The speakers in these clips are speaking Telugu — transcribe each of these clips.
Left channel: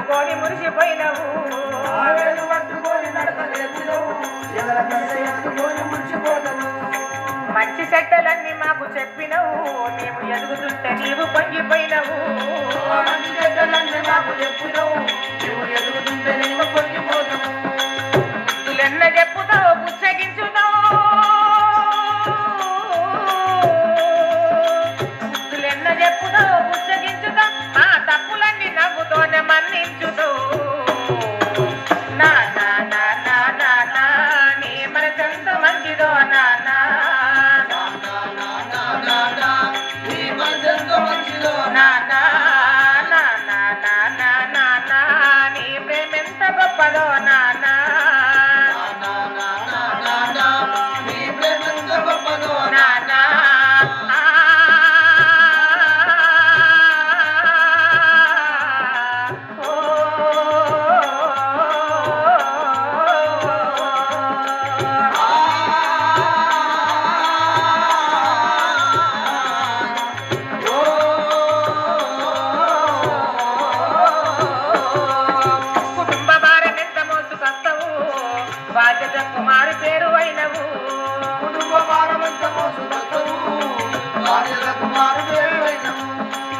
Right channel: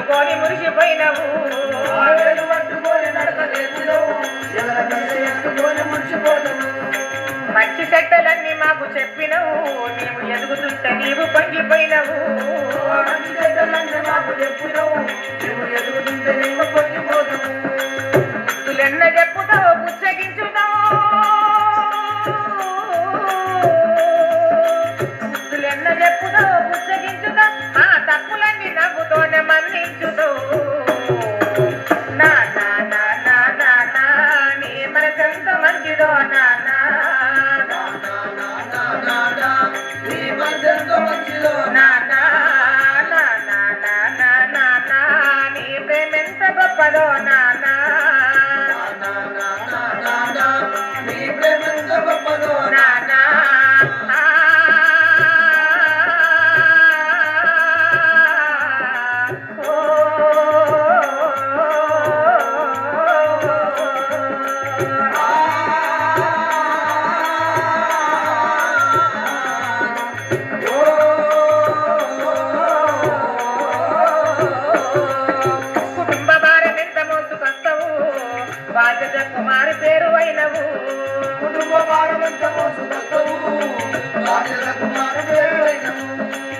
పట్టుకొని మురిసిపోయినవు. ఆవేలు పట్టుకొని నడక నేర్చినవు ఎదర ఎత్తుకొని మురిసిపోతావు మంచి చెట్టలన్నీ మాకు చెప్పినవు మేము ఎదుగుతుంటే నీవు పొంగిపోయినవు. మంచి చెట్టలన్నీ మాకు చెప్పినవు నువ్వు ఎదుగుతుంటే నీవు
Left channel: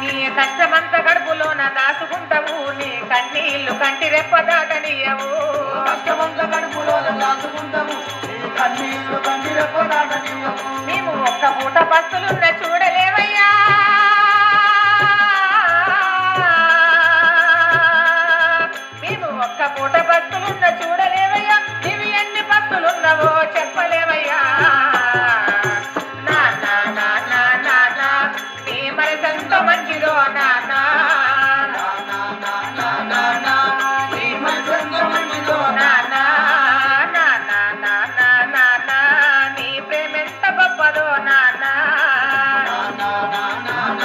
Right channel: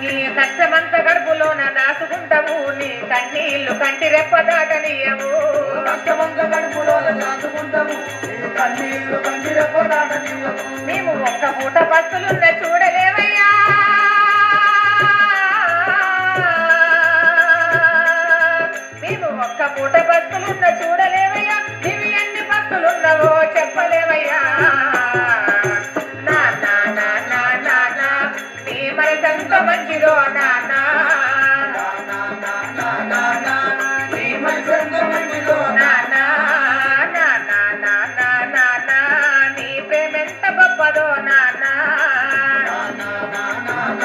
నీ కష్టమంత గడుపులోన దాచుకుంటావు. నీ కన్నీళ్ళు కంటి రెప్ప దాటనీయవు. కష్టమంత గడుపులోన దాచుకుంటావు. కన్నీళ్ళు కంటి రెప్ప దాటనీయవు. మేము ఒక్క పూట పస్తులున్న